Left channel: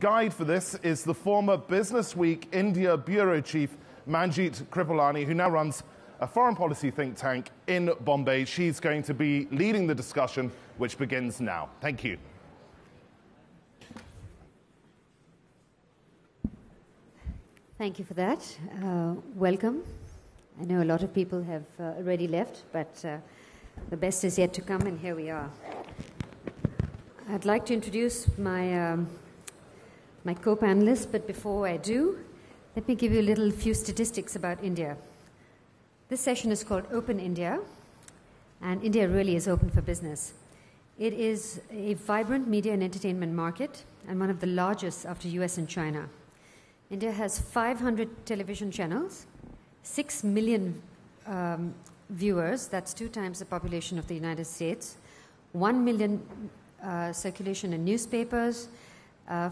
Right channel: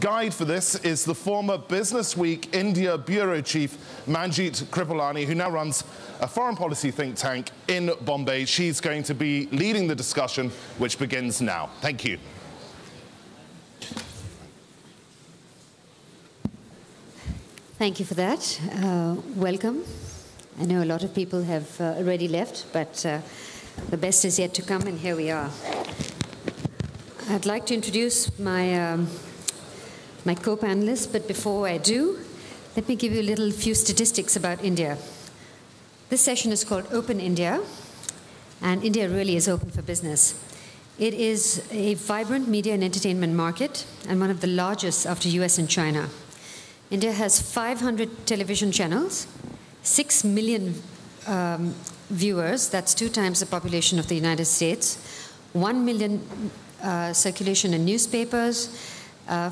guide for this is the former Business Week India Bureau Chief, Manjeet Kripalani, who now runs a foreign policy think tank in Bombay. She's going to be leading the discussion, which begins now. Thank you. Thank you for that. Welcome. I know a lot of people have already left, but the best is yet to come, and here we are. I'd like to introduce my my co-panelists, but before I do, let me give you a few statistics about India. This session is called Open India, and India really is open for business. It is a vibrant media and entertainment market, and one of the largest after US and China. India has 500 television channels, 6 million viewers, that's 2 times the population of the United States, 1 million circulation in newspapers,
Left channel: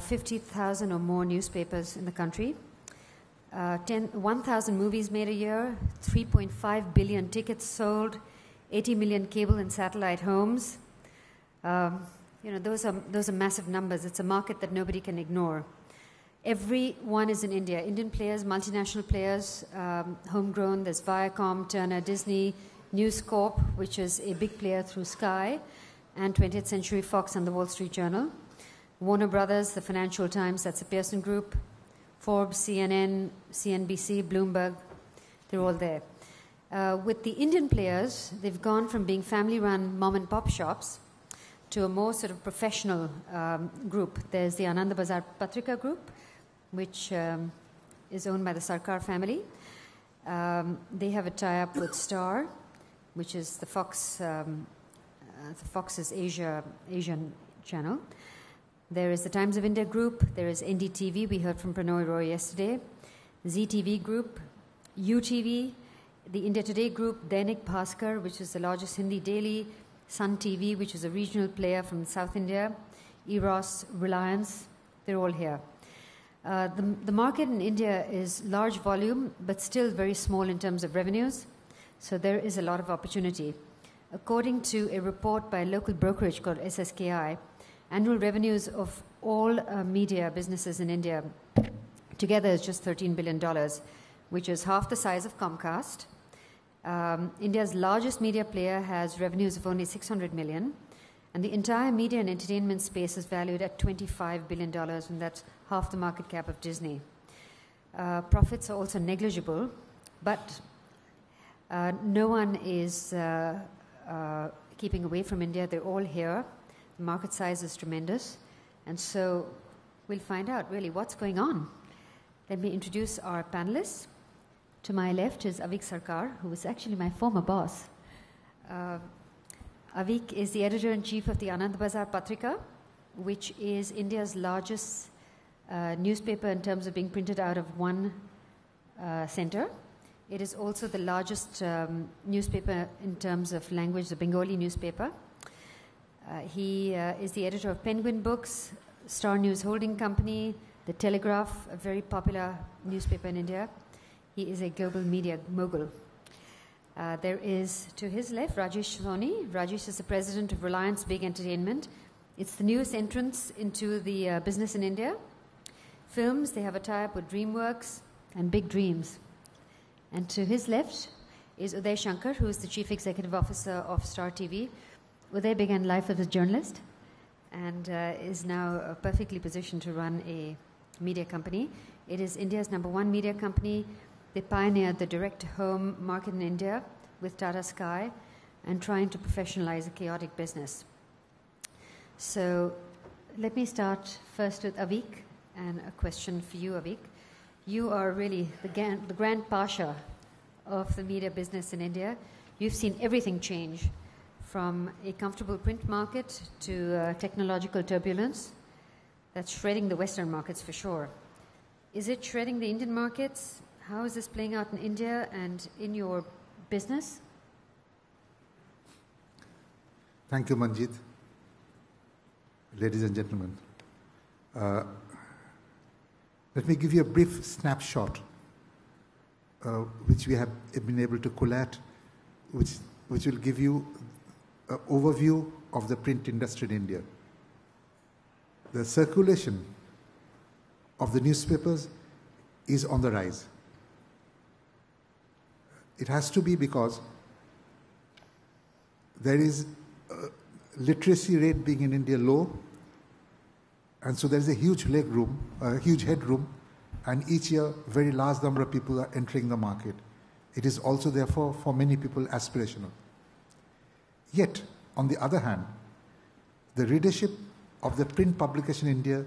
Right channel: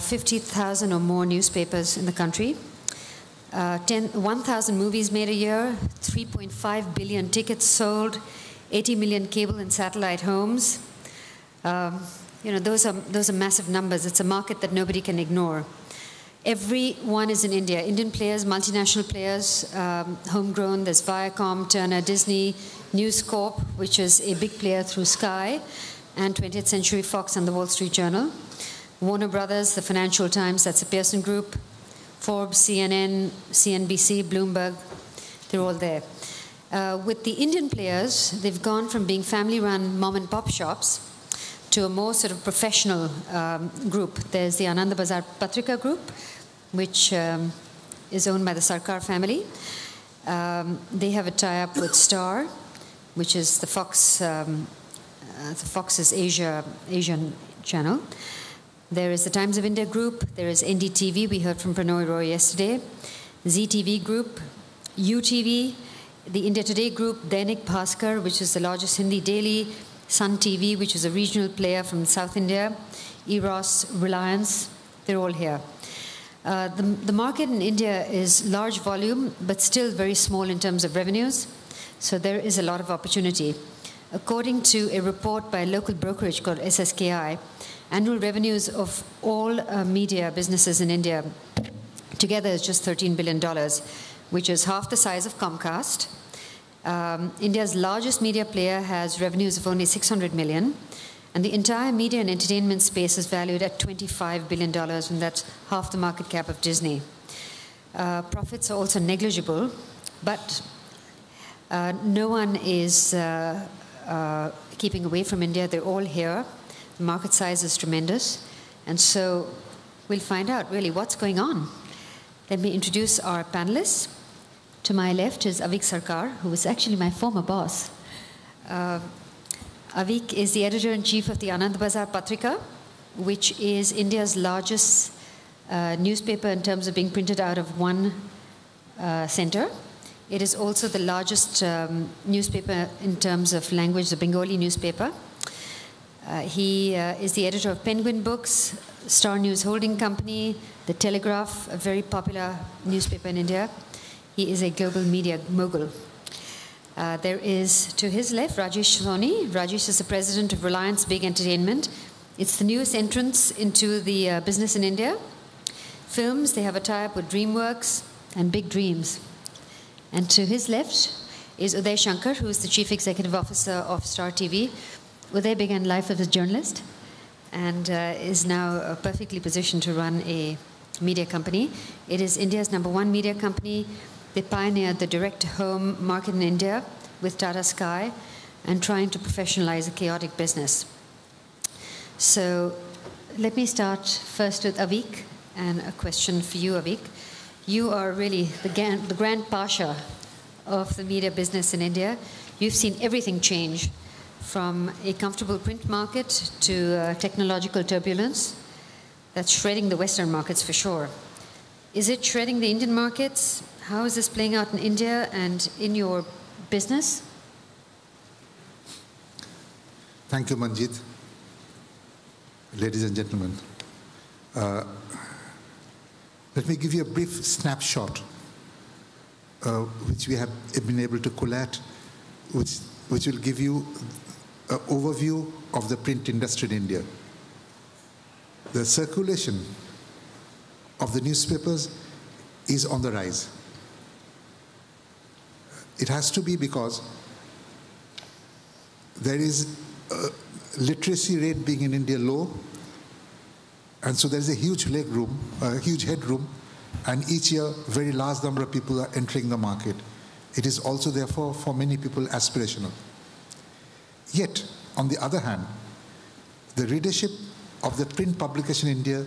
50,000 or more newspapers in the country, 1,000 movies made a year, 3.5 billion tickets sold, 80 million cable and satellite homes. You know, those are massive numbers. It's a market that nobody can ignore. Everyone is in India. Indian players, multinational players, homegrown. There's Viacom, Turner, Disney, News Corp, which is a big player through Sky, and 20th Century Fox and the Wall Street Journal. Warner Brothers, the Financial Times, that's the Pearson Group, Forbes, CNN, CNBC, Bloomberg, they're all there. With the Indian players, they've gone from being family-run mom-and-pop shops to a more sort of professional group. There's the Anandabazar Patrika Group, which is owned by the Sarkar family. They have a tie-up with Star, which is the Fox's Asian channel. There is the Times of India Group. There is NDTV. We heard from Pranoy Roy yesterday. ZTV Group, UTV, the India Today Group, Dainik Bhaskar, which is the largest Hindi daily, Sun TV, which is a regional player from South India, Eros, Reliance, they're all here. The market in India is large volume, but still very small in terms of revenues, so there is a lot of opportunity. According to a report by a local brokerage called SSKI, annual revenues of all media businesses in India together is just $13 billion, which is half the size of Comcast. India's largest media player has revenues of only 600 million, and the entire media and entertainment space is valued at $25 billion, and that's half the market cap of Disney. Profits are also negligible, but no one is keeping away from India. They're all here. The market size is tremendous, and so we'll find out really what's going on. Let me introduce our panelists. To my left is Avik Sarkar, who was actually my former boss. Avik is the editor-in-chief of the Anandabazar Patrika, which is India's largest newspaper in terms of being printed out of one center. It is also the largest newspaper in terms of language, the Bengali newspaper. He is the editor of Penguin Books, Star News Holding Company, The Telegraph, a very popular newspaper in India. He is a global media mogul. There is, to his left, Rajesh Soni. Rajesh is the president of Reliance Big Entertainment. It's the newest entrance into the business in India. Films, they have a tie-up with DreamWorks and Big Dreams. And to his left is Uday Shankar, who is the chief executive officer of Star TV. Uday began life as a journalist and is now perfectly positioned to run a media company. It is India's #1 media company. They pioneered the direct-to-home market in India with Tata Sky and trying to professionalize a chaotic business. So let me start first with Avik, and a question for you, Avik. You are really the grand pasha of the media business in India. You've seen everything change, from a comfortable print market to technological turbulence. That's shredding the Western markets for sure. Is it shredding the Indian markets? How is this playing out in India and in your business? Thank you, Manjeet. Ladies and gentlemen, let me give you a brief snapshot which we have been able to collate, which will give you an overview of the print industry in India. The circulation of the newspapers is on the rise. It has to be because there is a literacy rate being in India low, and so there is a huge headroom, and each year very large number of people are entering the market. It is also therefore for many people aspirational. Yet, on the other hand, the readership of the print publication in India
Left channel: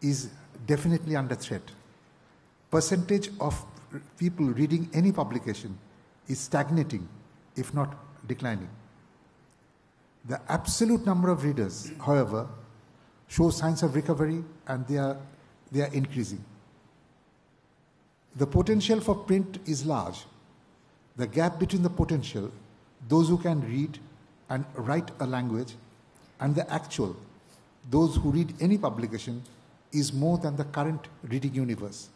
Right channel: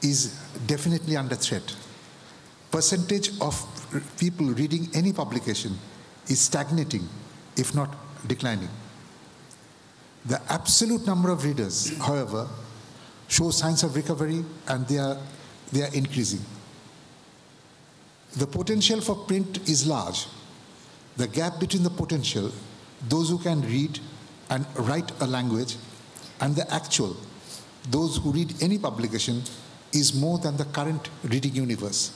is definitely under threat. Percentage of people reading any publication is stagnating, if not declining. The absolute number of readers, however, shows signs of recovery, and they are increasing. The potential for print is large. The gap between the potential, those who can read and write a language, and the actual, those who read any publication, is more than the current reading universe.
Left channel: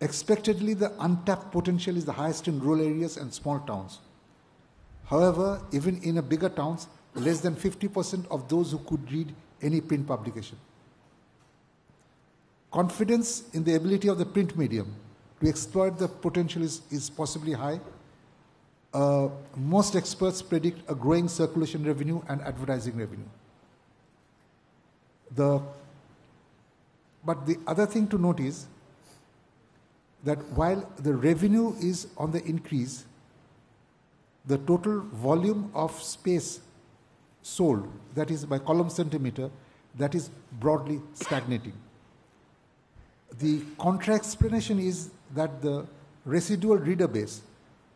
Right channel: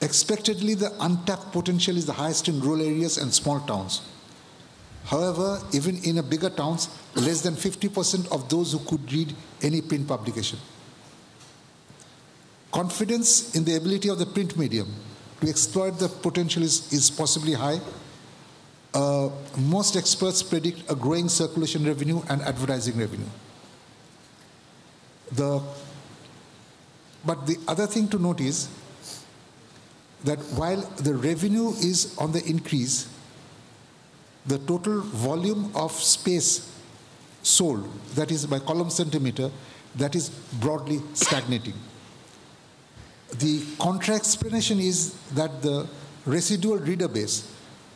Expectedly, the untapped potential is the highest in rural areas and small towns. However, even in bigger towns, less than 50% of those who could read any print publication. Confidence in the ability of the print medium to exploit the potential is possibly high. Most experts predict a growing circulation revenue and advertising revenue. But the other thing to note is that while the revenue is on the increase, the total volume of space sold, that is by column centimeter, that is broadly stagnating. The contra explanation is that the residual reader base,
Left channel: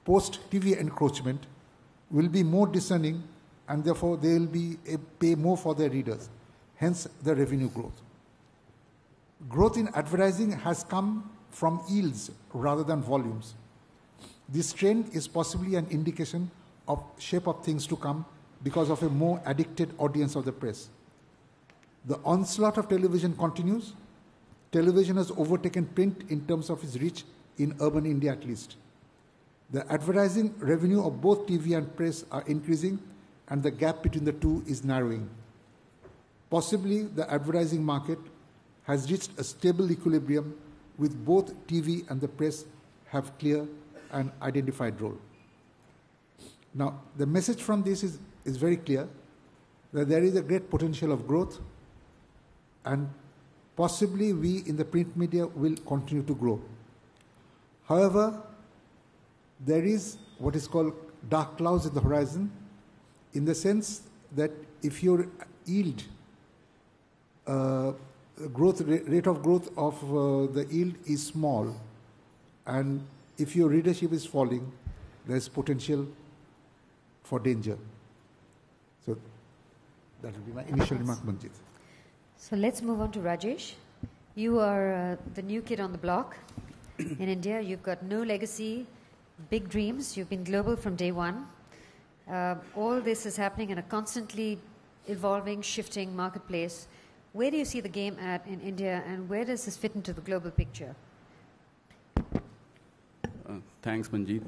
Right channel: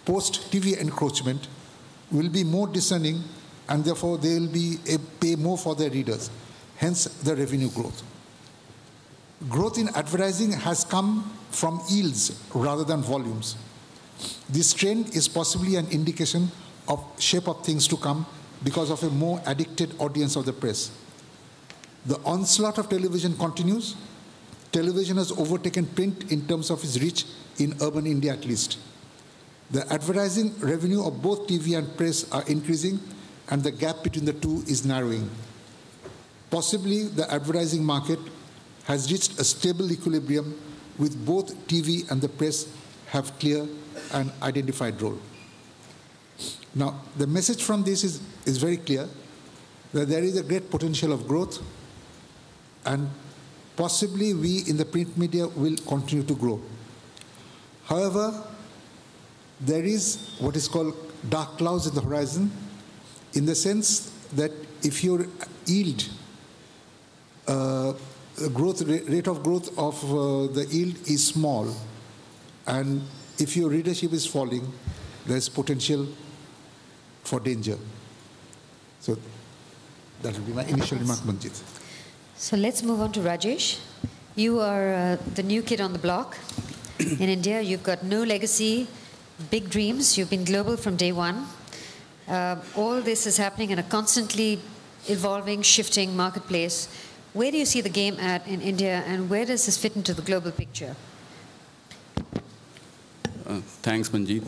post-TV encroachment, will be more discerning, and therefore they will pay more for their readers, hence the revenue growth. Growth in advertising has come from yields rather than volumes. This trend is possibly an indication of shape of things to come because of a more addicted audience of the press. The onslaught of television continues. Television has overtaken print in terms of its reach in urban India at least. The advertising revenue of both TV and press are increasing, and the gap between the two is narrowing. Possibly the advertising market has reached a stable equilibrium with both TV and the press have clear and identified role. Now, the message from this is very clear, that there is a great potential of growth, and possibly we in the print media will continue to grow. However, there is what is called dark clouds in the horizon, in the sense that if your yield, rate of growth of the yield is small, and if your readership is falling, there's potential for danger. So that will be my initial remark, Manjit. So let's move on to Rajesh. You are the new kid on the block in India. You've got no legacy, big dreams. You've been global from day one. All this is happening in a constantly evolving, shifting marketplace. Where do you see the game at in India, and where does this fit into the global picture? Thanks, Manjeet.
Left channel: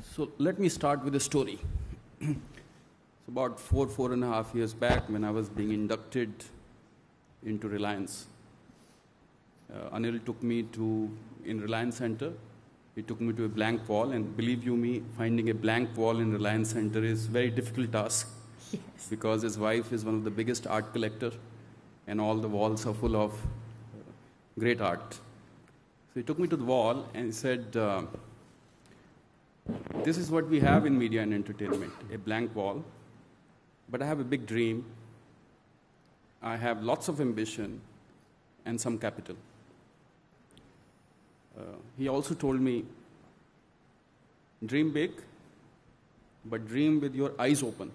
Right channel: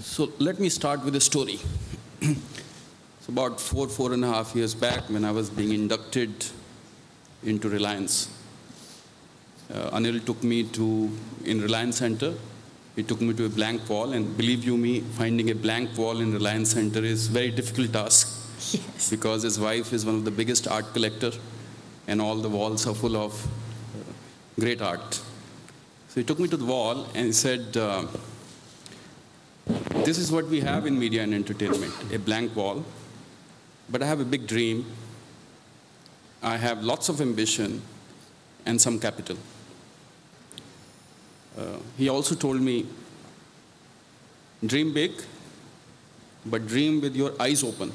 So let me start with a story. So about 4.5 years back, when I was being inducted into Reliance, Anil took me in Reliance Center, he took me to a blank wall, and believe you me, finding a blank wall in Reliance Center is a very difficult task. Yes. Because his wife is one of the biggest art collector, and all the walls are full of great art. So he took me to the wall and he said, this is what we have in media and entertainment, a blank wall, but I have a big dream, I have lots of ambition and some capital. He also told me, dream big, but dream with your eyes open,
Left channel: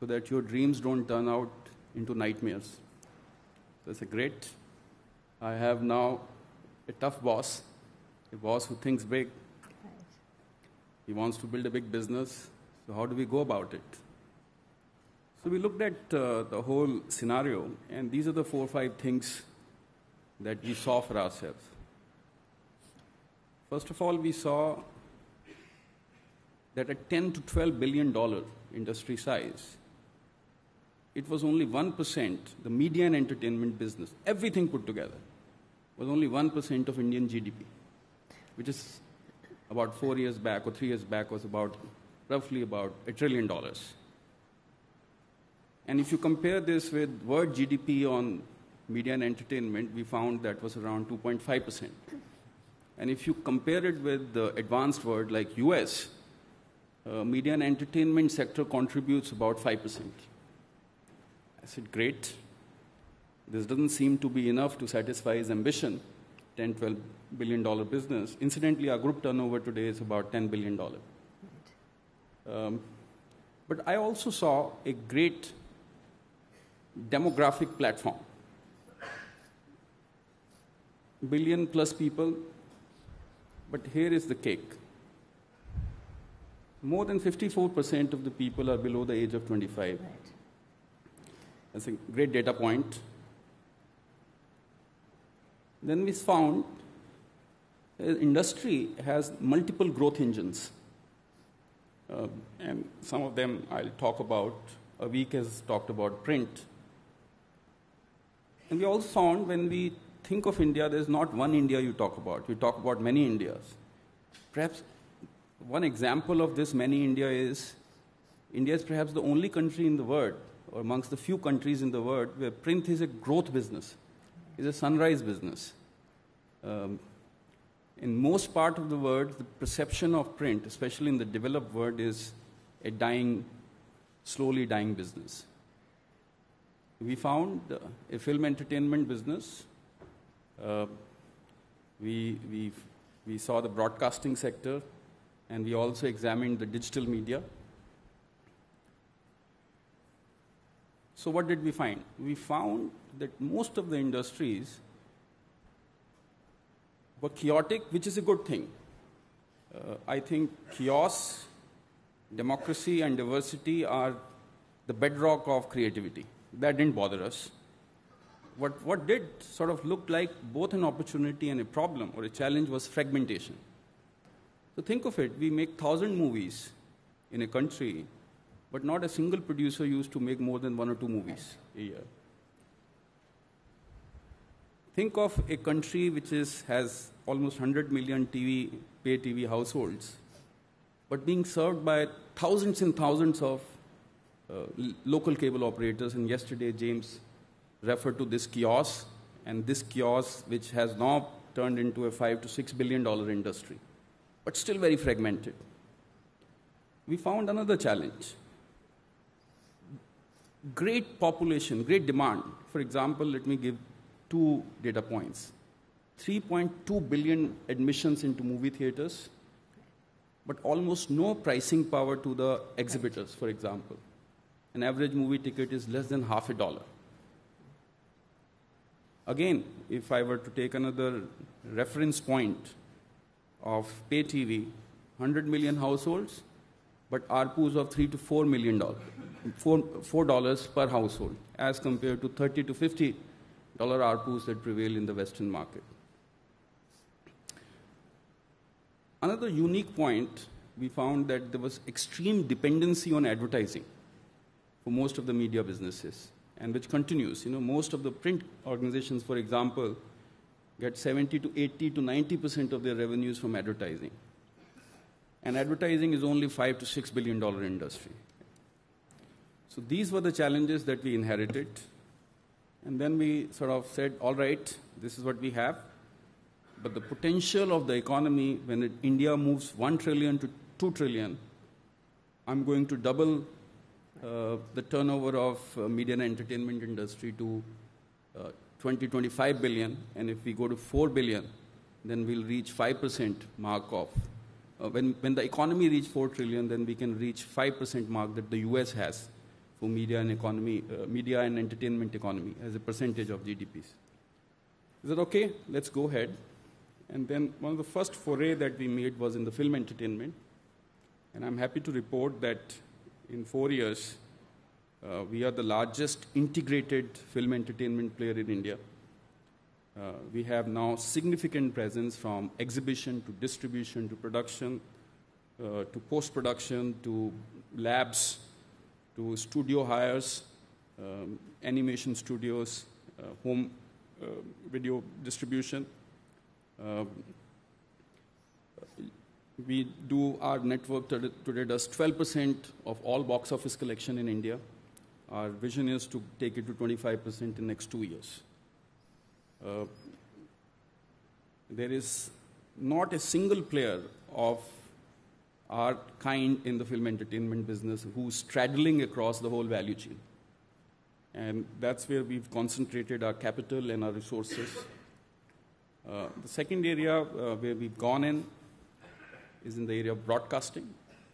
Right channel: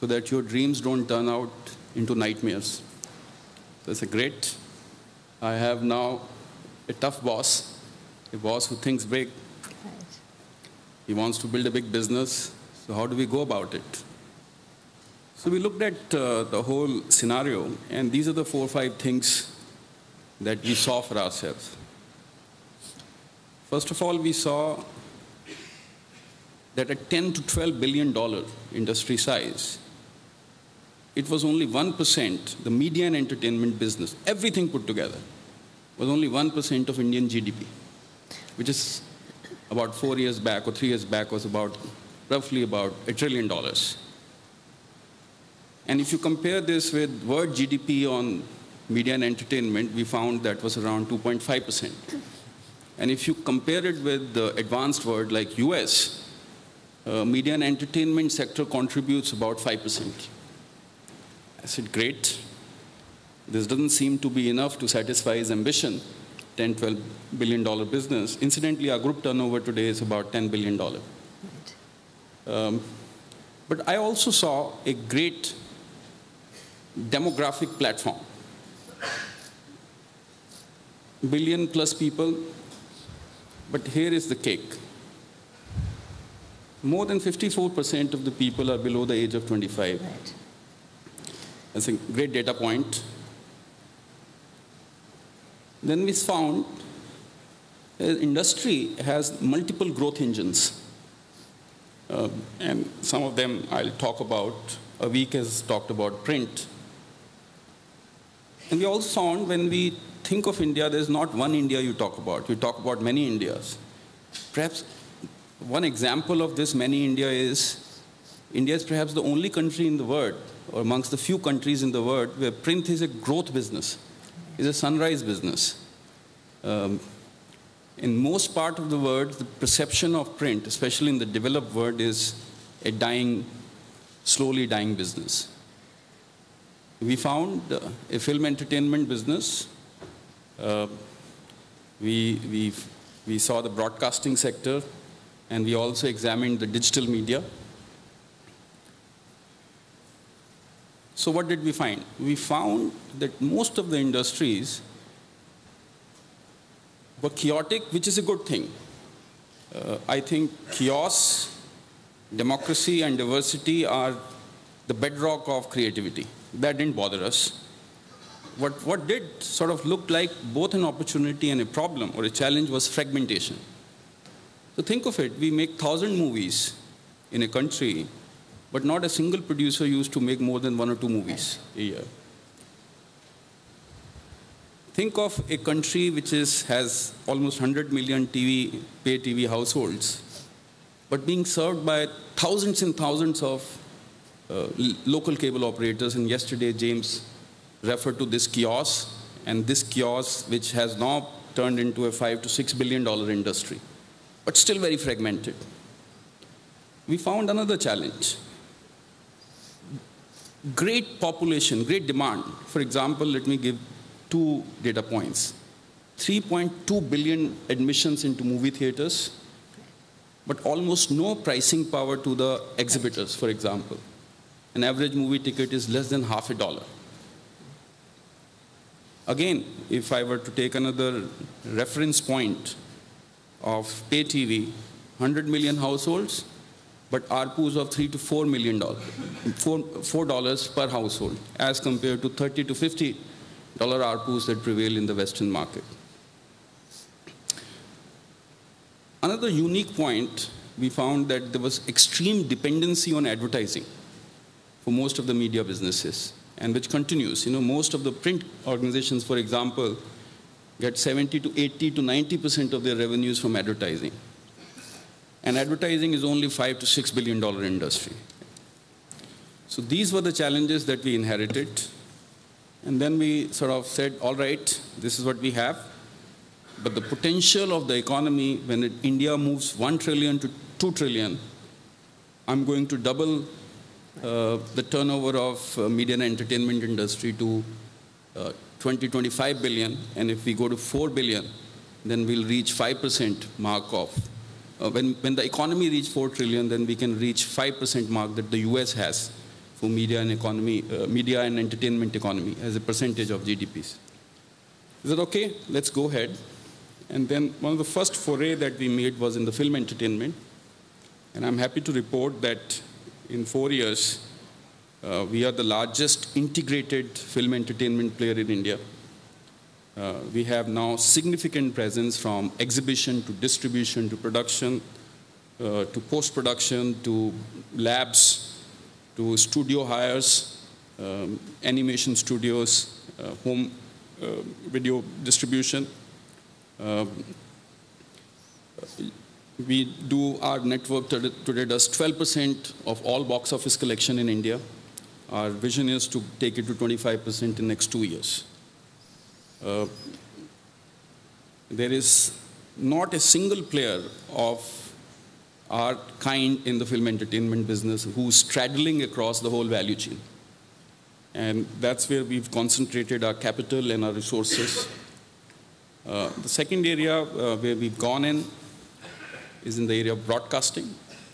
so that your dreams don't turn out into nightmares. So I said, great. I have now a tough boss, a boss who thinks big. Right. He wants to build a big business, so how do we go about it? So we looked at the whole scenario, and these are the 4 or 5 things that we saw for ourselves. First of all, we saw that at $10 to $12 billion industry size, it was only 1%, the media and entertainment business, everything put together, was only 1% of Indian GDP, which is about 4 years back or 3 years back was roughly about $1 trillion. And if you compare this with world GDP on media and entertainment, we found that was around 2.5%. And if you compare it with the advanced world like US, media and entertainment sector contributes about 5%. I said, great. This doesn't seem to be enough to satisfy his ambition, $10, $12 billion business. Incidentally, our group turnover today is about $10 billion. But I also saw a great demographic platform. Billion plus people, but here is the cake. More than 54% of the people are below the age of 25. Right. That's a great data point. Then we found the industry has multiple growth engines. And some of them I'll talk about. A week has talked about print. And we also found when we think of India, there's not one India you talk about. You talk about many Indias. Perhaps one example of this many India is perhaps the only country in the world, or amongst the few countries in the world, where print is a growth business, is a sunrise business. In most part of the world, the perception of print, especially in the developed world, is a dying, slowly dying business. We found a film entertainment business. We saw the broadcasting sector, and we also examined the digital media. So what did we find? We found that most of the industries were chaotic, which is a good thing. I think chaos, democracy, and diversity are the bedrock of creativity. That didn't bother us. What did sort of look like both an opportunity and a problem or a challenge was fragmentation. So think of it, we make 1,000 movies in a country, but not a single producer used to make more than 1 or 2 movies a year. Think of a country which has almost 100 million pay TV households, but being served by thousands and thousands of local cable operators. And yesterday, James referred to this chaos, and this chaos, which has now turned into a $5 to $6 billion industry, but still very fragmented. We found another challenge. Great population, great demand. For example, let me give 2 data points. 3.2 billion admissions into movie theaters, but almost no pricing power to the exhibitors, for example. An average movie ticket is less than half $1. Again, if I were to take another reference point of pay TV, 100 million households, but ARPUs of $3 to $4 million, $4 per household, as compared to $30 to $50 ARPUs that prevail in the Western market. Another unique point, we found that there was extreme dependency on advertising for most of the media businesses, and which continues. Most of the print organizations, for example, get 70 to 80 to 90% of their revenues from advertising. And advertising is only $5 to $6 billion industry. So these were the challenges that we inherited. And then we sort of said, all right, this is what we have. But the potential of the economy, when India moves 1 trillion to 2 trillion, I'm going to double the turnover of media and entertainment industry to 20, 25 billion. And if we go to 4 billion, then we'll reach 5% mark of. When the economy reaches 4 trillion, then we can reach 5% mark that the US has for media and entertainment economy as a percentage of GDPs. Is that okay? Let's go ahead. And then one of the first foray that we made was in the film entertainment. And I'm happy to report that in 4 years, we are the largest integrated film entertainment player in India. We have now significant presence from exhibition to distribution to production, to post-production, to labs, to studio hires, animation studios, home video distribution. Our network today does 12% of all box office collection in India. Our vision is to take it to 25% in the next 2 years. There is not a single player of our kind in the film entertainment business who's straddling across the whole value chain. And that's where we've concentrated our capital and our resources. The second area where we've gone in is in the area of broadcasting.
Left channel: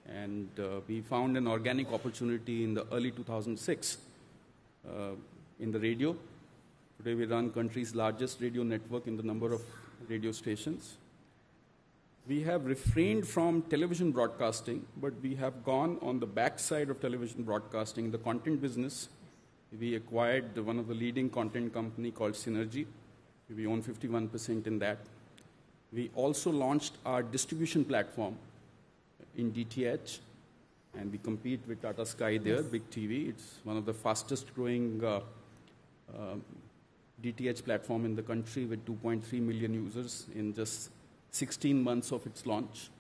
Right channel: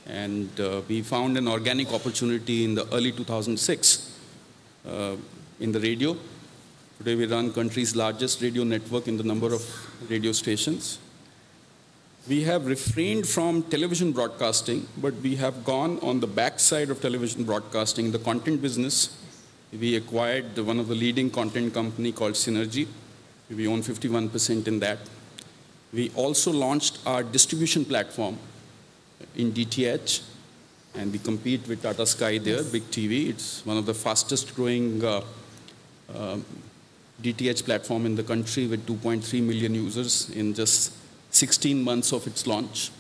And we found an organic opportunity in the early 2006 in the radio. Today we run country's largest radio network in the number of radio stations. We have refrained from television broadcasting, but we have gone on the backside of television broadcasting, the content business. We acquired one of the leading content company called Synergy. We own 51% in that. We also launched our distribution platform in DTH, and we compete with Tata Sky there, Big TV. It's one of the fastest growing DTH platform in the country with 2.3 million users in just 16 months of its launch.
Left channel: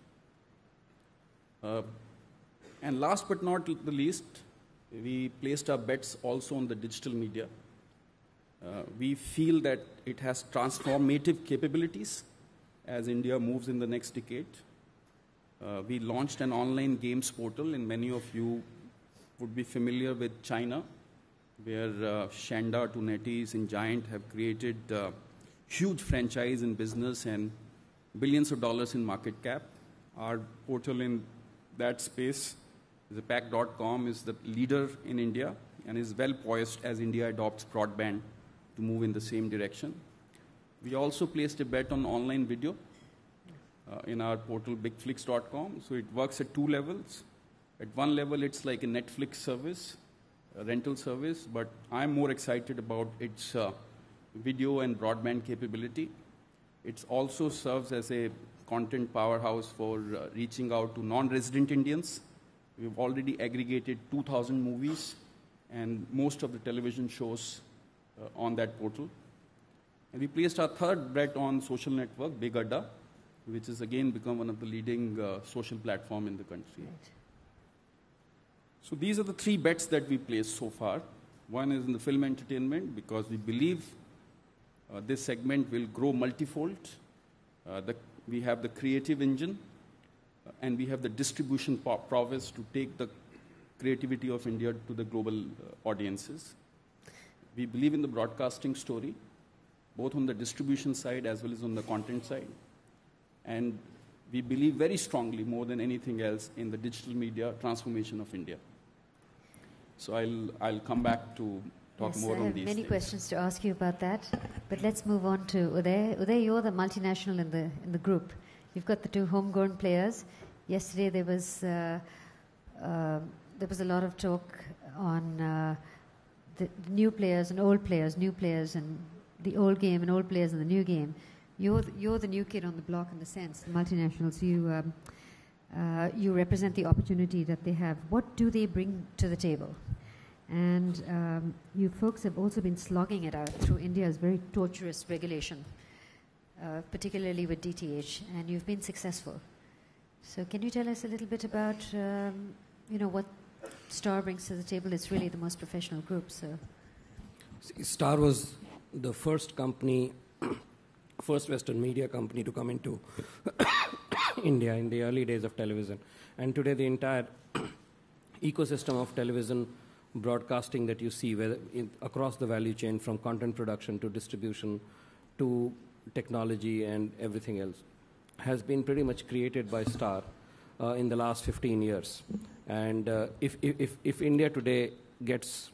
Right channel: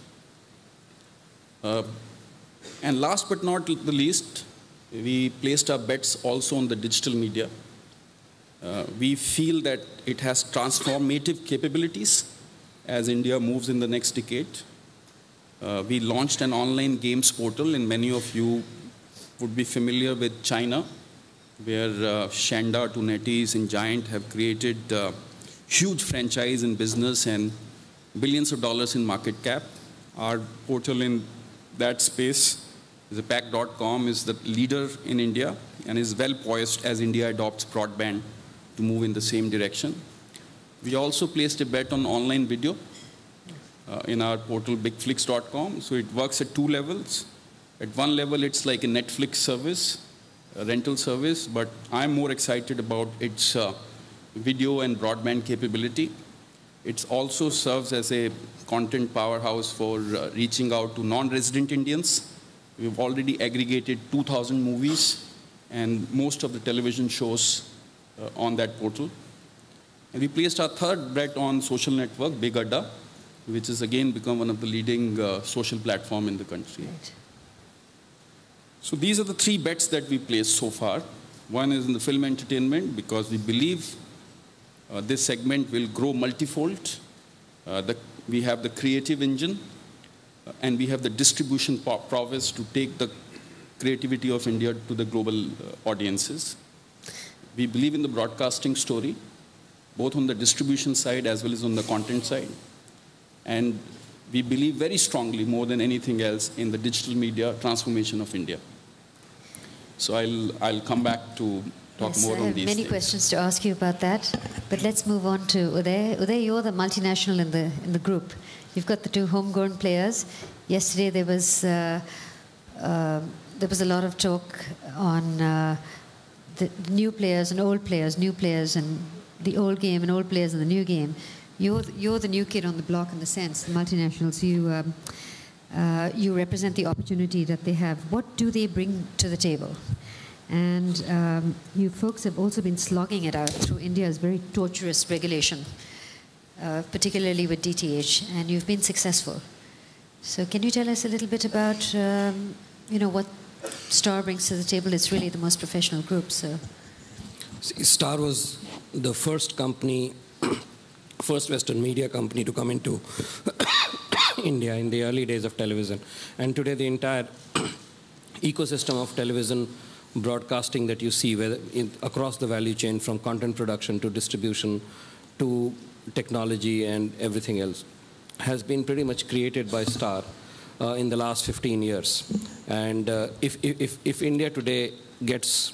And last but not the least, we placed our bets also on the digital media. We feel that it has transformative capabilities as India moves in the next decade. We launched an online games portal, and many of you would be familiar with China, where Shanda, to NetEase, and Giant have created huge franchise in business and billions of dollars in market cap. Our portal in that space, Zapac.com, is the leader in India and is well poised as India adopts broadband to move in the same direction. We also placed a bet on online video in our portal bigflix.com. So it works at 2 levels. At one level, it's like a Netflix service, a rental service, but I'm more excited about its video and broadband capability. It also serves as a content powerhouse for reaching out to non-resident Indians. We've already aggregated 2,000 movies and most of the television shows on that portal. And we placed our third bet on social network, Big Adda, which has again become one of the leading social platform in the country. Right. So these are the 3 bets that we placed so far. One is in the film entertainment, because we believe this segment will grow multifold. We have the creative engine, and we have the distribution prowess to take the creativity of India to the global audiences. We believe in the broadcasting story, both on the distribution side as well as on the content side. And we believe very strongly, more than anything else, in the digital media transformation of India. So I'll come back to talk more on these things. I have many questions to ask you about that, but let's move on to Uday. Uday, you're the multinational in the group. You've got the 2 homegrown players. Yesterday there was a lot of talk on the new players and old players, new players and the old game and old players in the new game. You're the new kid on the block in the sense, the multinationals. You represent the opportunity that they have. What do they bring to the table? And you folks have also been slogging it out through India's very torturous regulation, particularly with DTH, and you've been successful. So can you tell us a little bit about what Star brings to the table? It's really the most professional group. So Star was the first company, first Western media company to come into India in the early days of television. And today the entire ecosystem of television broadcasting that you see across the value chain, from content production to distribution to technology and everything else, has been pretty much created by Star in the last 15 years. And if India today gets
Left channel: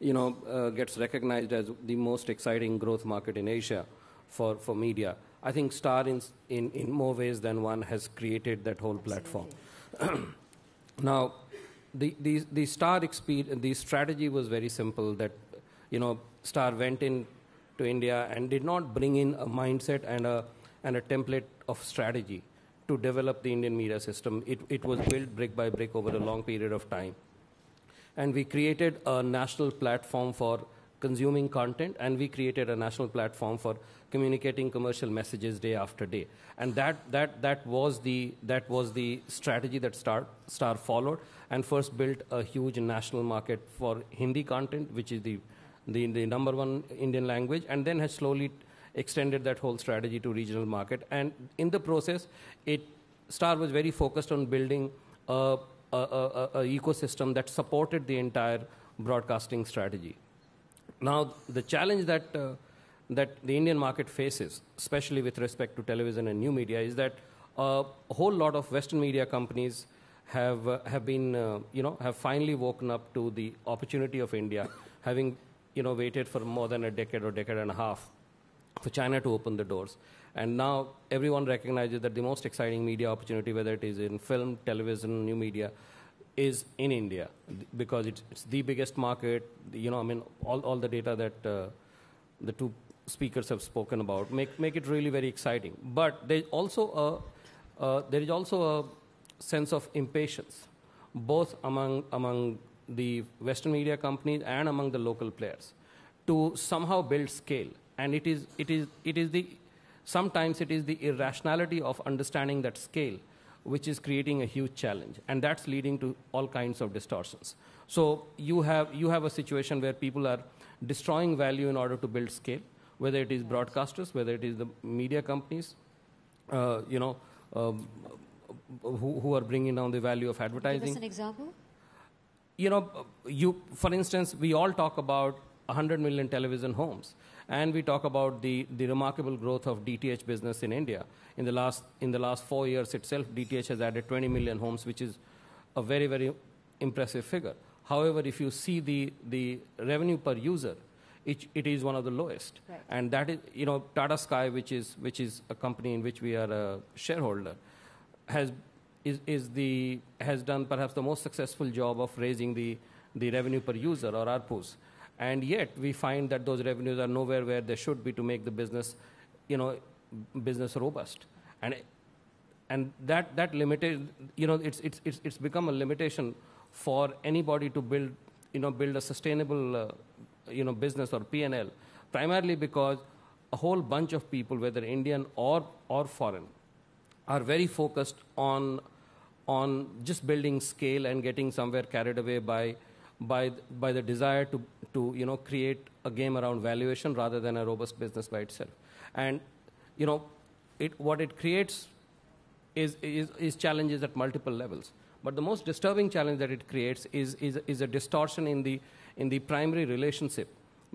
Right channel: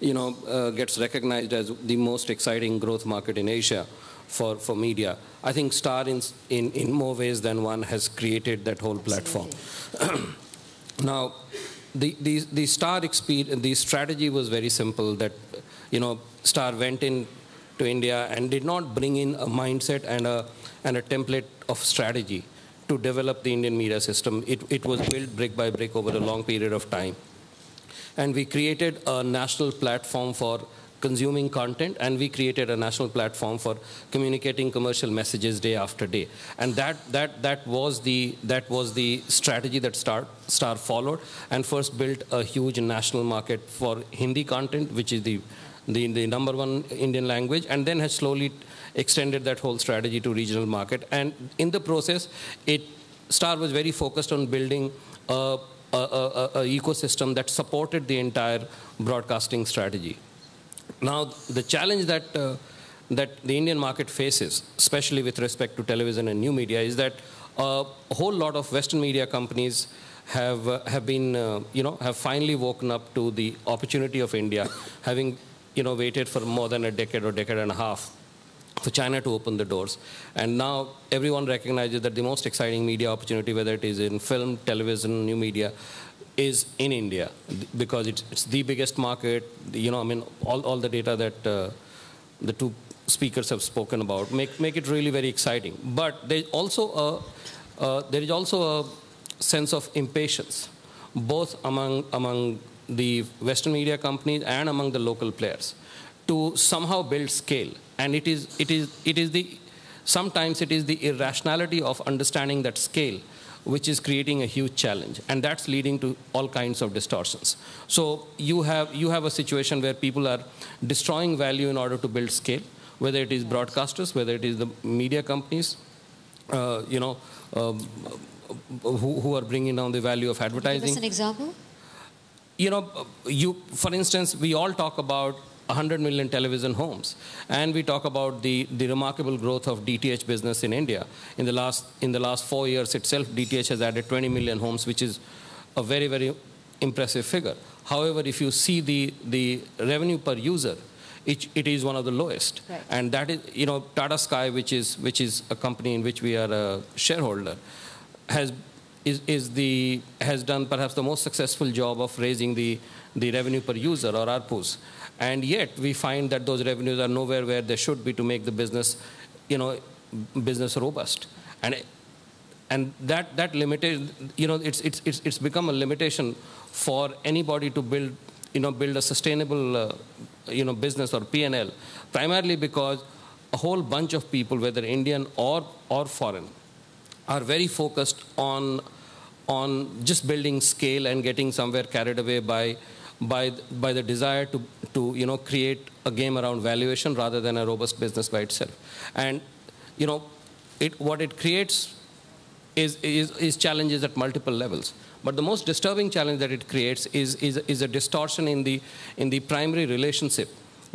recognized as the most exciting growth market in Asia for media, I think Star in more ways than one has created that whole platform. Now, the Star experience, the strategy was very simple, that Star went in to India and did not bring in a mindset and a template of strategy to develop the Indian media system. It was built brick by brick over a long period of time. And we created a national platform for consuming content, and we created a national platform for communicating commercial messages day after day. And that was the strategy that Star followed, and first built a huge national market for Hindi content, which is the #1 Indian language, and then has slowly extended that whole strategy to regional market. And in the process, Star was very focused on building a ecosystem that supported the entire broadcasting strategy. Now, the challenge that the Indian market faces, especially with respect to television and new media, is that a whole lot of Western media companies have finally woken up to the opportunity of India, having waited for more than a decade or decade and a half for China to open the doors. And now everyone recognizes that the most exciting media opportunity, whether it is in film, television, new media, is in India, because it's the biggest market. All the data that the two speakers have spoken about make it really very exciting. But there is also a sense of impatience, both among the Western media companies and among the local players, to somehow build scale. And sometimes it is the irrationality of understanding that scale which is creating a huge challenge, and that's leading to all kinds of distortions. So you have a situation where people are destroying value in order to build scale, whether it is broadcasters, whether it is the media companies, who are bringing down the value of advertising. Give us an example. For instance, we all talk about 100 million television homes, and we talk about the remarkable growth of DTH business in India. In the last 4 years itself, DTH has added 20 million homes, which is a very, very impressive figure. However, if you see the revenue per user, it is one of the lowest. Right. And that is, Tata Sky, which is a company in which we are a shareholder, has done perhaps the most successful job of raising the revenue per user, or ARPUs. And yet we find that those revenues are nowhere where they should be to make the business, business robust. And that limited, it's become a limitation for anybody to build a sustainable, business or P&L, primarily because a whole bunch of people, whether Indian or foreign, are very focused on just building scale and getting somewhere carried away by the desire to create a game around valuation rather than a robust business by itself. And what it creates is challenges at multiple levels. But the most disturbing challenge that it creates is a distortion in the primary relationship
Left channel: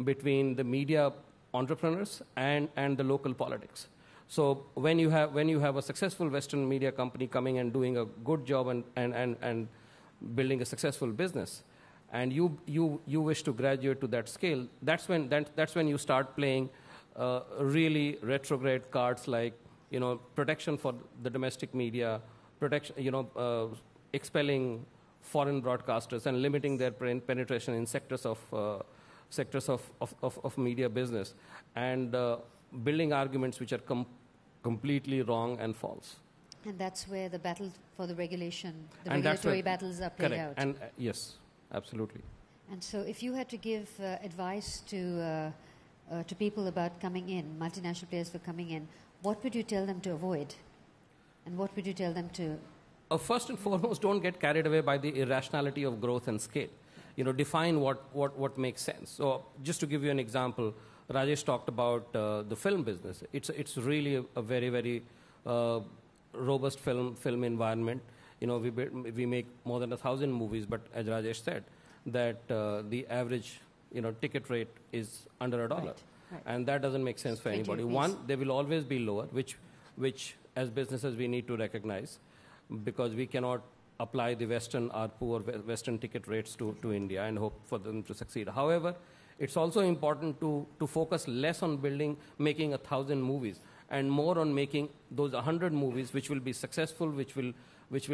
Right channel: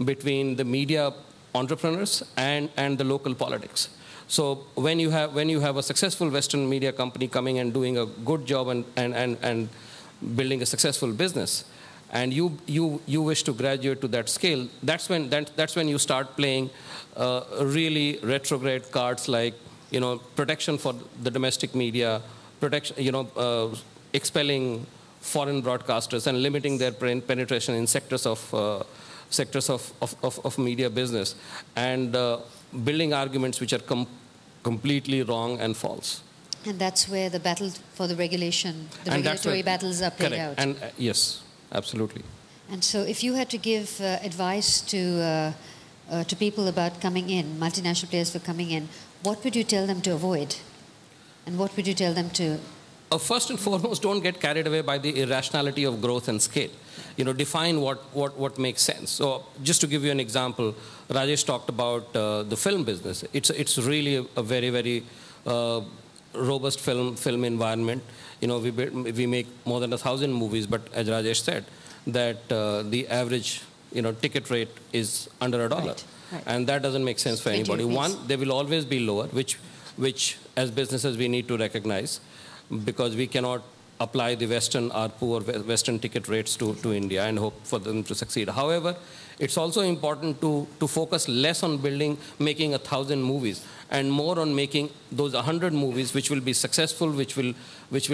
between the media entrepreneurs and the local politics. So when you have a successful Western media company coming and doing a good job and building a successful business, and you wish to graduate to that scale, that's when you start playing really retrograde cards like protection for the domestic media, expelling foreign broadcasters and limiting their penetration in sectors of media business, and building arguments which are completely wrong and false. And that's where the battle for the regulation, the regulatory battles are played out. And yes. Absolutely. And so if you had to give advice to people about coming in, multinational players for coming in, what would you tell them to avoid? And what would you tell them to... First and foremost, don't get carried away by the irrationality of growth and scale. Define what makes sense. So just to give you an example, Rajesh talked about the film business. It's really a very, very robust film environment. We make more than 1,000 movies, but as Rajesh said, that the average ticket rate is under $1. Right. And that doesn't make sense for anybody. One, they will always be lower, which as businesses we need to recognize, because we cannot apply the Western ARPU or Western ticket rates to India and hope for them to succeed. However, it's also important to focus less on making 1,000 movies and more on making those 100 movies which will be successful, which will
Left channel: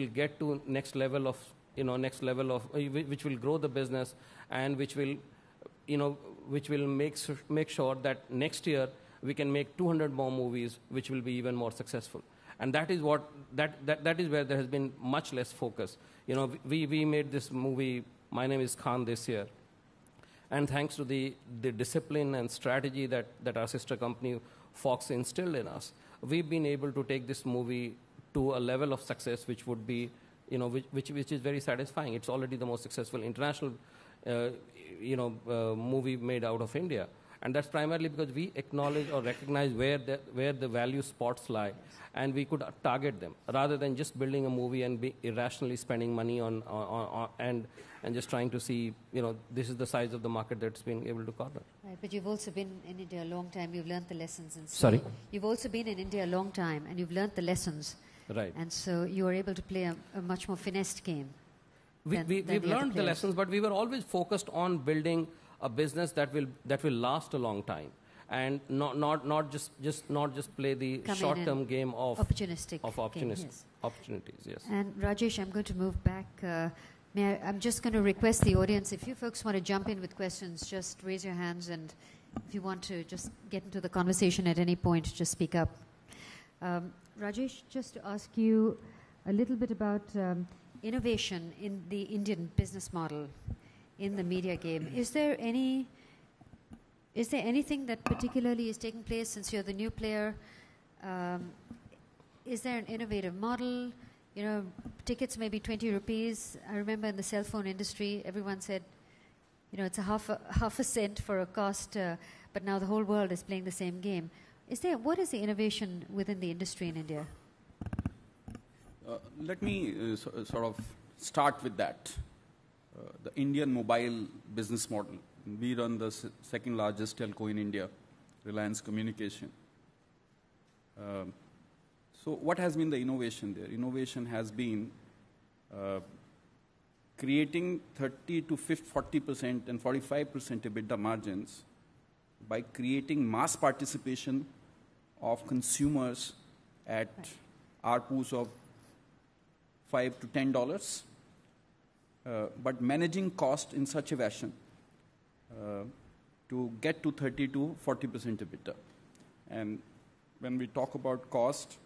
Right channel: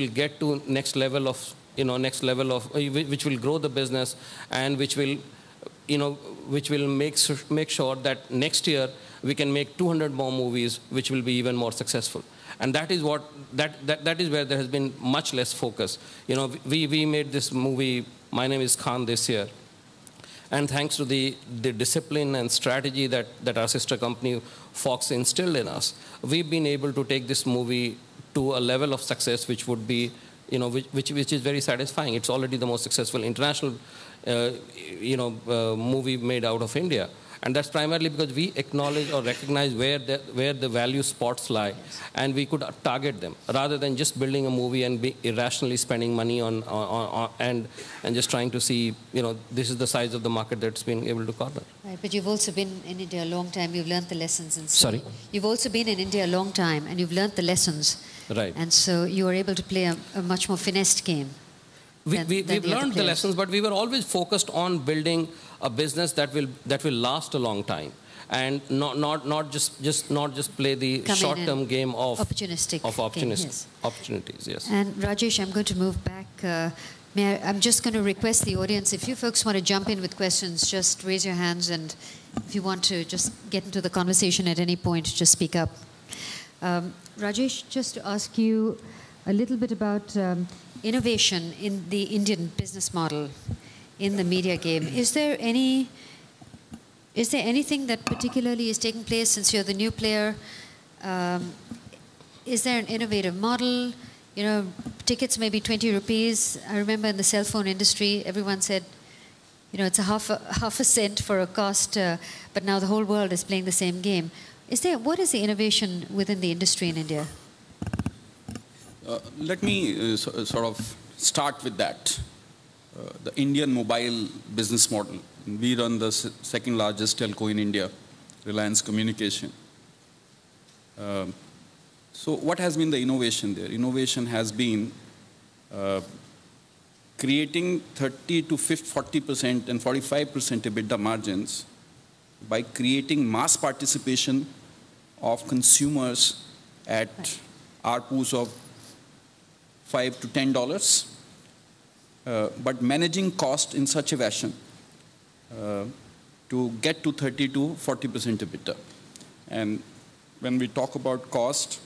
get to next level of which will grow the business, and which will make sure that next year we can make 200 more movies which will be even more successful. And that is where there has been much less focus. We made this movie My name is Khan this year. And thanks to the discipline and strategy that our sister company Fox instilled in us, we've been able to take this movie to a level of success which would be, which is very satisfying. It's already the most successful international, movie made out of India. And that's primarily because we acknowledge or recognize where the value spots lie, and we could target them rather than just building a movie and be irrationally spending money on and just trying to see, this is the size of the market that's been able to corner. Right, but you've also been in India a long time. You've learned the lessons. And so Sorry? You've also been in India a long time, and you've learned the lessons. Right. And so you are able to play a much more finessed game. We've learned the lessons, but we were always focused on building a business that will last a long time, and not just play the short-term game of opportunistic opportunities. Yes. And Rajesh, I'm going to move back. I'm just going to request the audience, if you folks want to jump in with questions, just raise your hands, and if you want to just get into the conversation at any point, just speak up. Rajesh, just to ask you a little bit about innovation in the Indian business model in the media game. Is there anything that particularly is taking place since you're the new player? Is there an innovative model? Tickets may be 20 rupees. I remember in the cell phone industry, everyone said, it's a half a cent for a cost, but now the whole world is playing the same game. What is the innovation within the industry in India? Let me sort of start with that. The Indian mobile business model. We run the second largest telco in India, Reliance Communication. So what has been the innovation there? Innovation has been creating 30 to 40% and 45% EBITDA margins by creating mass participation of consumers at ARPUs of $5 to $10, but managing cost in such a fashion to get to 30 to 40% EBITDA. And when we talk about cost,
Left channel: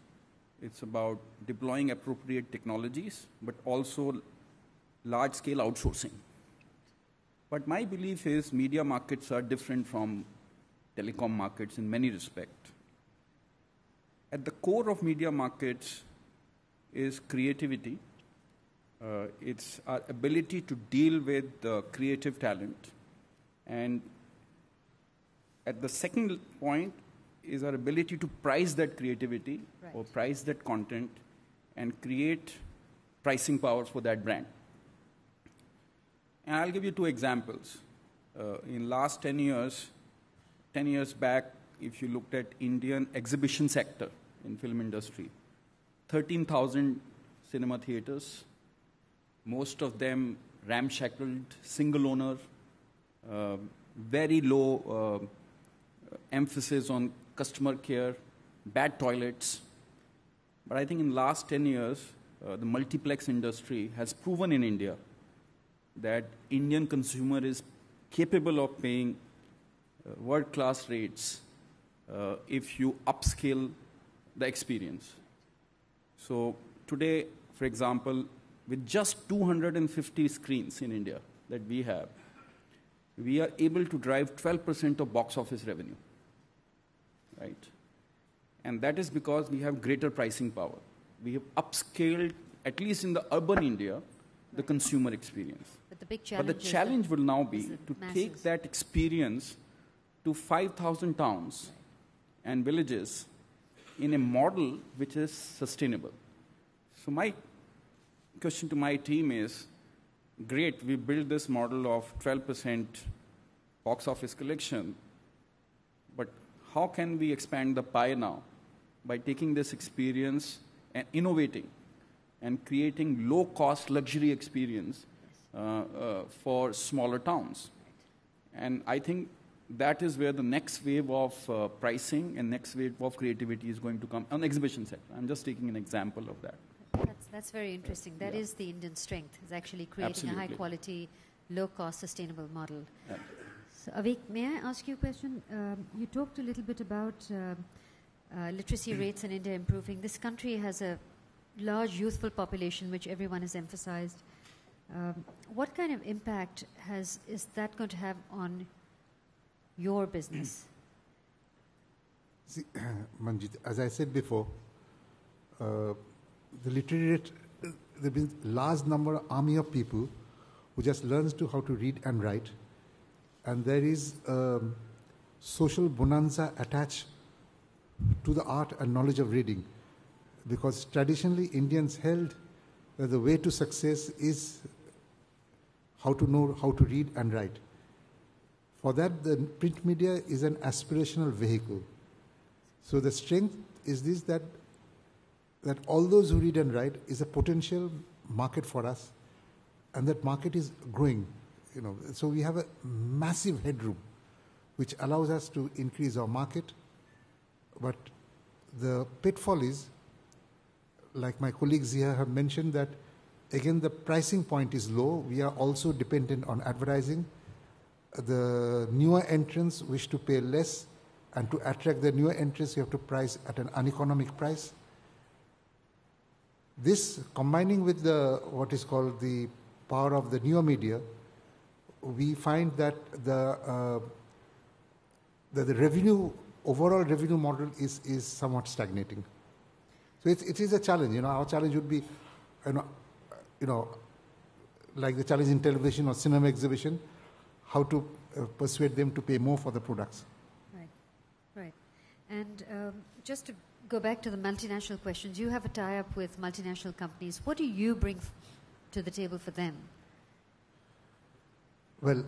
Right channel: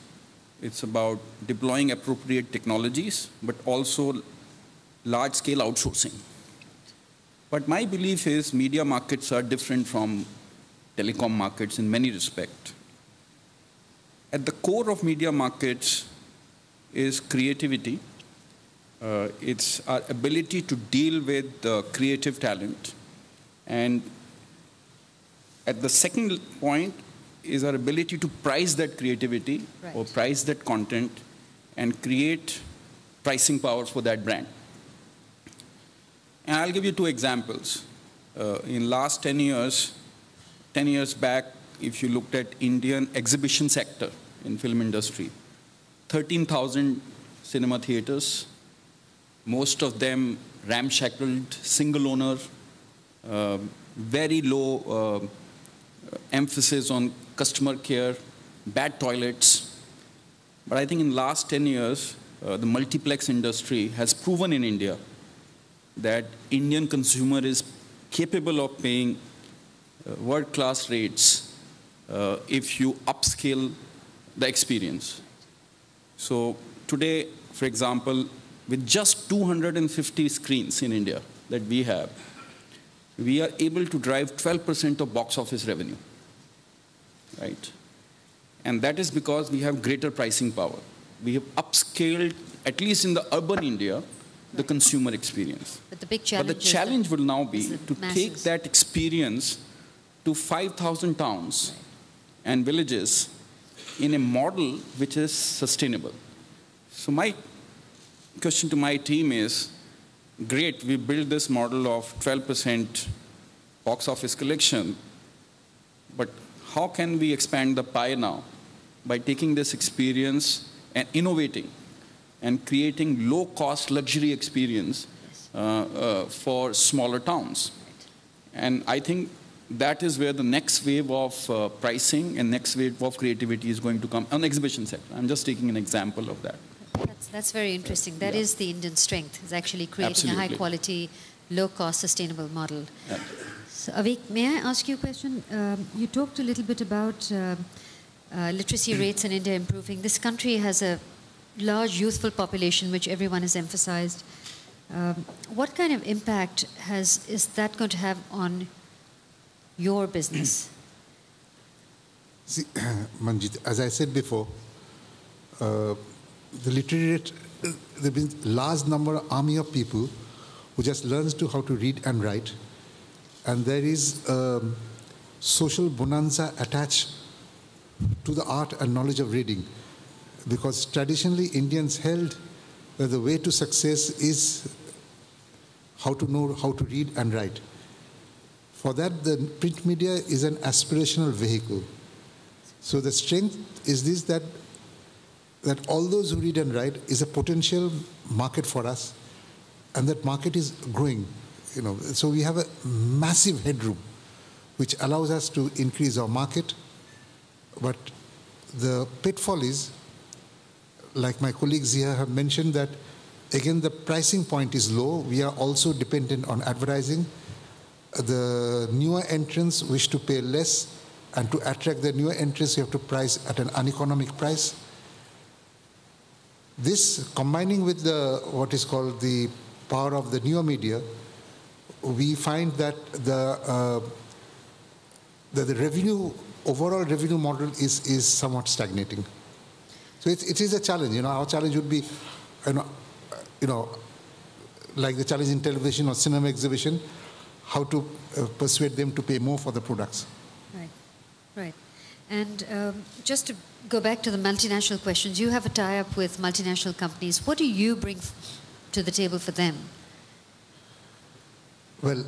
it's about deploying appropriate technologies, but also large-scale outsourcing. But my belief is media markets are different from telecom markets in many respects. At the core of media markets is creativity. It's our ability to deal with creative talent. And at the second point is our ability to price that creativity or price that content and create pricing power for that brand. And I'll give you two examples. In last 10 years back, if you looked at Indian exhibition sector in film industry, 13,000 cinema theaters, most of them ramshackled, single owner, very low emphasis on customer care, bad toilets. But I think in the last 10 years, the multiplex industry has proven in India that Indian consumer is capable of paying world-class rates if you upscale the experience. So today, for example, with just 250 screens in India that we have, we are able to drive 12% of box office revenue, right? And that is because we have greater pricing power. We have upscaled, at least in the urban India, the consumer experience. But the big challenge will now be to take that experience to 5,000 towns and villages in a model which is sustainable. So my question to my team is, great, we built this model of 12% box office collection, but how can we expand the pie now by taking this experience and innovating and creating low-cost luxury experience for smaller towns? And I think that is where the next wave of pricing and next wave of creativity is going to come on the exhibition sector. I'm just taking an example of that. That's very interesting. That is the Indian strength, is actually creating a high-quality, low-cost, sustainable model. Yeah. So, Avik, may I ask you a question? You talked a little bit about literacy rates in India improving. This country has a large youthful population, which everyone has emphasized. What kind of impact is that going to have on your business? See, Manjit, as I said before, the literate, there been large number army of people who just learns to how to read and write, and there is social bonanza attached to the art and knowledge of reading, because traditionally Indians held that the way to success is how to know how to read and write. For that, the print media is an aspirational vehicle. So the strength is this, that all those who read and write is a potential market for us, and that market is growing. So we have a massive headroom, which allows us to increase our market. But the pitfall is, like my colleagues here have mentioned, that again the pricing point is low. We are also dependent on advertising. The newer entrants wish to pay less, and to attract the newer entrants, you have to price at an uneconomic price. This, combining with what is called the power of the newer media, we find that the overall revenue model is somewhat stagnating. So it is a challenge. Our challenge would be, like the challenge in television or cinema exhibition, how to persuade them to pay more for the products. Right. And just to go back to the multinational questions, you have a tie-up with multinational companies. What do you bring to the table for them? Well,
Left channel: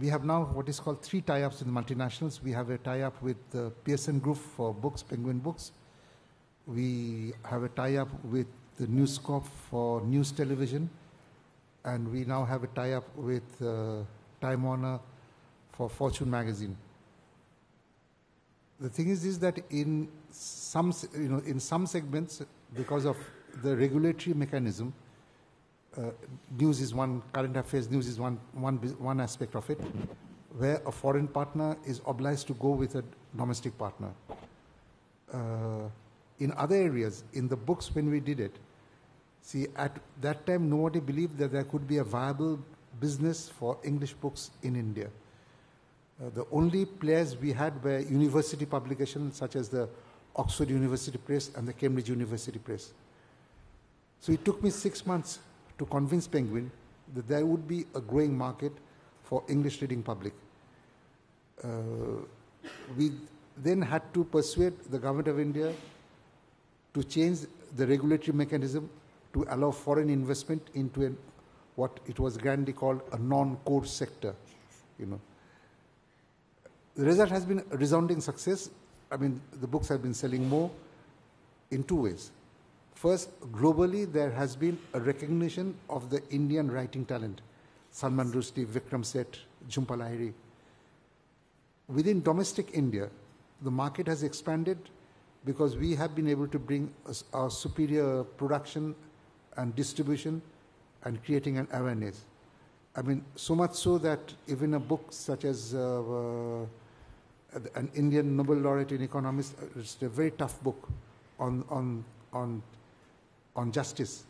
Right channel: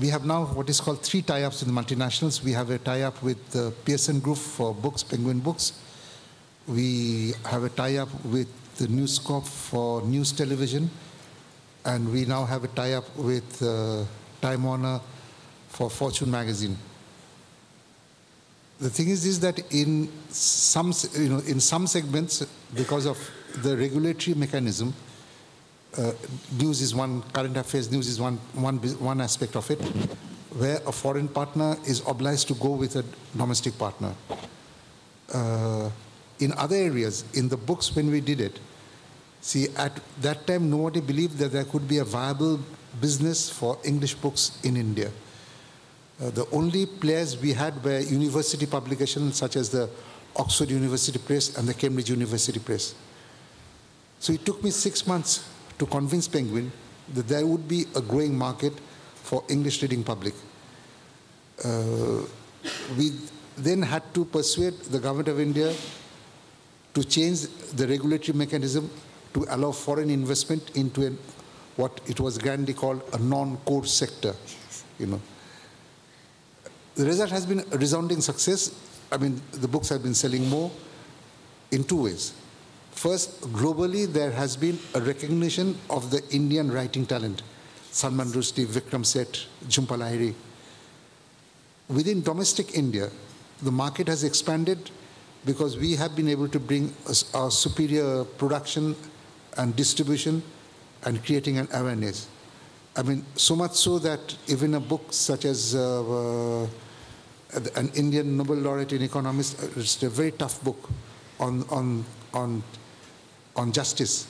we have now what is called 3 tie-ups in the multinationals. We have a tie-up with the Pearson Group for books, Penguin Books. We have a tie-up with the News Corp for news television. And we now have a tie-up with Time Warner for Fortune magazine. The thing is that in some segments, because of the regulatory mechanism, news is one, current affairs news is one aspect of it, where a foreign partner is obliged to go with a domestic partner. In other areas, in the books when we did it, see, at that time nobody believed that there could be a viable business for English books in India. The only players we had were university publications such as the Oxford University Press and the Cambridge University Press. So it took me 6 months to convince Penguin that there would be a growing market for English reading public. We then had to persuade the government of India to change the regulatory mechanism to allow foreign investment into what it was grandly called a non-core sector. The result has been a resounding success. I mean, the books have been selling more in 2 ways. First, globally, there has been a recognition of the Indian writing talent. Salman Rushdie, Vikram Seth, Jhumpa Lahiri. Within domestic India, the market has expanded because we have been able to bring our superior production and distribution and creating an awareness. I mean, so much so that even a book such as an Indian Nobel laureate in economics, it's a very tough book on justice.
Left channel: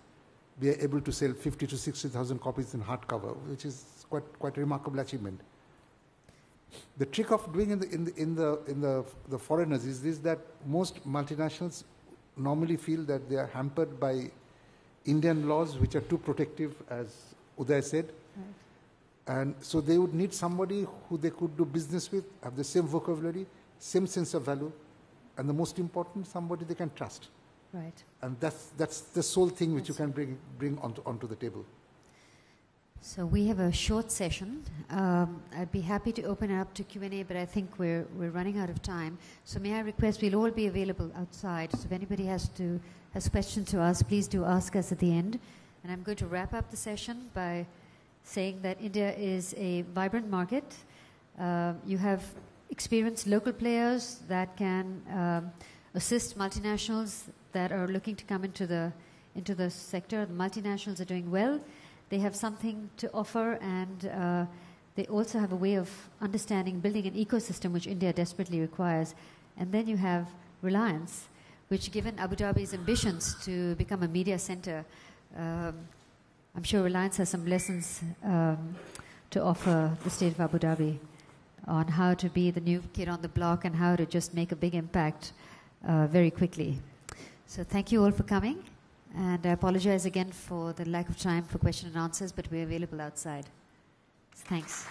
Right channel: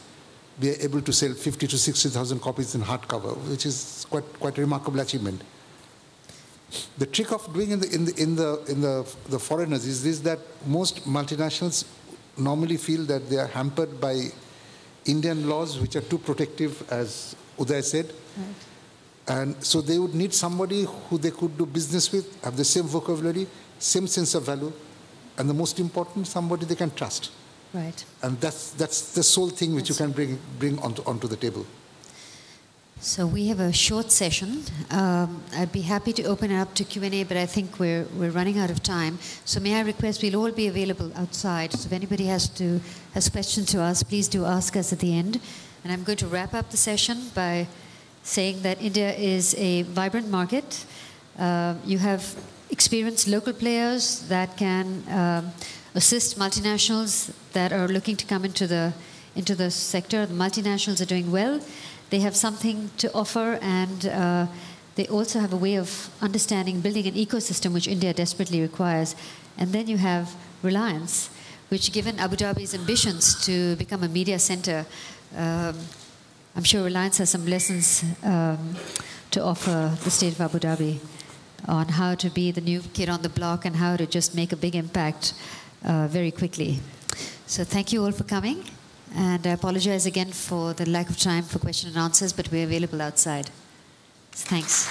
We are able to sell 50 to 60,000 copies in hardcover, which is quite a remarkable achievement. The trick of doing in the foreigners is this, that most multinationals normally feel that they are hampered by Indian laws which are too protective, as Uday said. Right. And so they would need somebody who they could do business with, have the same vocabulary, same sense of value, and the most important, somebody they can trust. Right. And that's the sole thing which you can bring onto the table. So we have a short session. I'd be happy to open it up to Q&A, but I think we're running out of time. So may I request, we'll all be available outside. So if anybody has questions to ask, please do ask us at the end. And I'm going to wrap up the session by saying that India is a vibrant market. You have experienced local players that can assist multinationals that are looking to come into the sector. The multinationals are doing well. They have something to offer, and they also have a way of understanding, building an ecosystem which India desperately requires. And then you have Reliance, which, given Abu Dhabi's ambitions to become a media center, I'm sure Reliance has some lessons to offer the state of Abu Dhabi on how to be the new kid on the block and how to just make a big impact very quickly. So thank you all for coming. And I apologize again for the lack of time for question and answers, but we're available outside. Thanks.